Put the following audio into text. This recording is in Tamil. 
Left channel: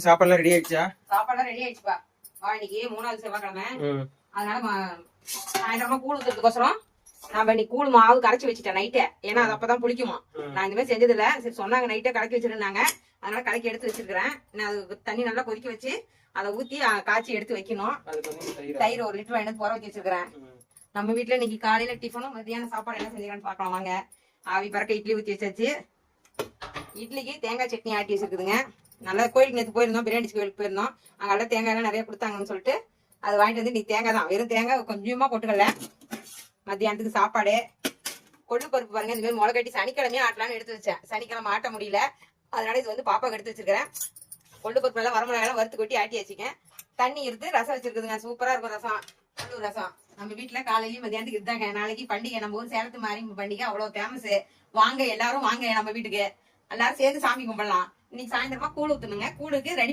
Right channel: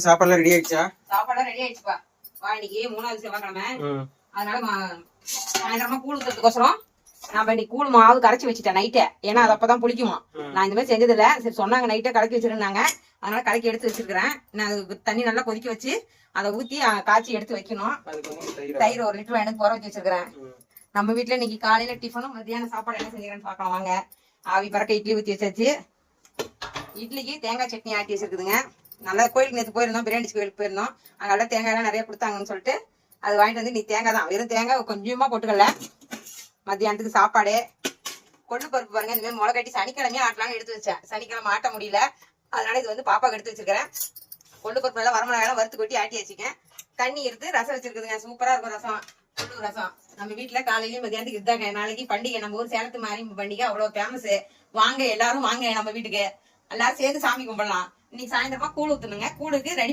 சாப்பாடுலாம் ரெடி ஆயிடுச்சா? சாப்பாடுலாம் ரெடி ஆயிடுச்சுப்பா. இன்னைக்கு 3வது செவ்வாய்க்கிழமை. அதனால சாயந்தரமா கூழ் ஊத்துறதுக்கோசரம் நம்ம இன்னைக்கு கூழ் மாவு கரைச்சி வச்சுட்டேன் நைட்டே. ஏன்னா அது அப்பதான் புளிக்குமா. நான் இந்த மாதிரி செஞ்சது இல்ல. சரி சொன்னாங்க நைட்டே கலக்கி வச்சிருந்தாங்க. அதனால கலக்கி எடுத்து வச்சிருக்கிறேன். நான் அது தண்ணி நல்லா கொதிக்க வச்சு அதை ஊத்தி காய்ச்சி எடுத்து வைக்கணும். தயிர் 1 லிட்டர் எனக்கு போற வச்சு வச்சிருக்கிறேன். நம்ம வீட்டுல இன்னைக்கு காலையில டிஃபனும் மத்தியான சாப்பாடு என்ன செஞ்சுக்கிறேன்னு பார்க்கலாம் வாங்க. ஆவி பறக்க இட்லி ஊத்தி வச்சாச்சு. இட்லிக்கு தேங்காய் சட்னி ஆட்டி வச்சிருக்குதுங்க. நல்லா கோயிலுக்கு நேற்று போயிருந்தோம், பிரியாணி கோயிலுக்கு போயிருந்தோம். அங்கே தேங்காய் எல்லாம் நிறைய கொடுத்தாங்கன்னு சொல்லிட்டு அது வாங்கிட்டு வந்து நீ தேங்காய் தான், வெறும் தேங்காய் கொஞ்சமா போட்டுக்கல. மத்தியானத்துக்கு சாப்பாடு கொள்ளு பருப்பு பாருங்க, இந்த மாதிரி முளை கட்டி சனிக்கிழமையே ஆட்டலாம்னு எடுத்து வச்சேன். சனிக்கிழமை ஆட்ட முடியல, அதனால இது வந்து பாப்பாக்கு எடுத்து வச்சிருக்கிறேன். கொள்ளு பருப்பு எல்லாம் வரமிளகாய் வறுத்து கொட்டி ஆட்டி வச்சுக்கேன். தண்ணி எடுத்து ரசம் வச்சிருக்குதுங்க. சூப்பரா இருக்கும் ரசம், கொள்ளு ரசம். நம்ம வீட்டுல காலையிலயும் மத்தியானத்துக்கு இருந்தாங்க. நாளைக்கு பண்டிகை, நம்ம ஊர் சேலத்து மாறி பண்டிகை அவ்வளவு ஃபேமஸ். வாங்க எல்லாரும் வாங்க நம்ம வீட்டுக்கு, எல்லாரும் சேர்ந்து சாமி கும்பிடலாம். இன்னைக்கு சாயந்தரமா கூழ் ஊத்தணுங்க. கூழுக்கு ரெடி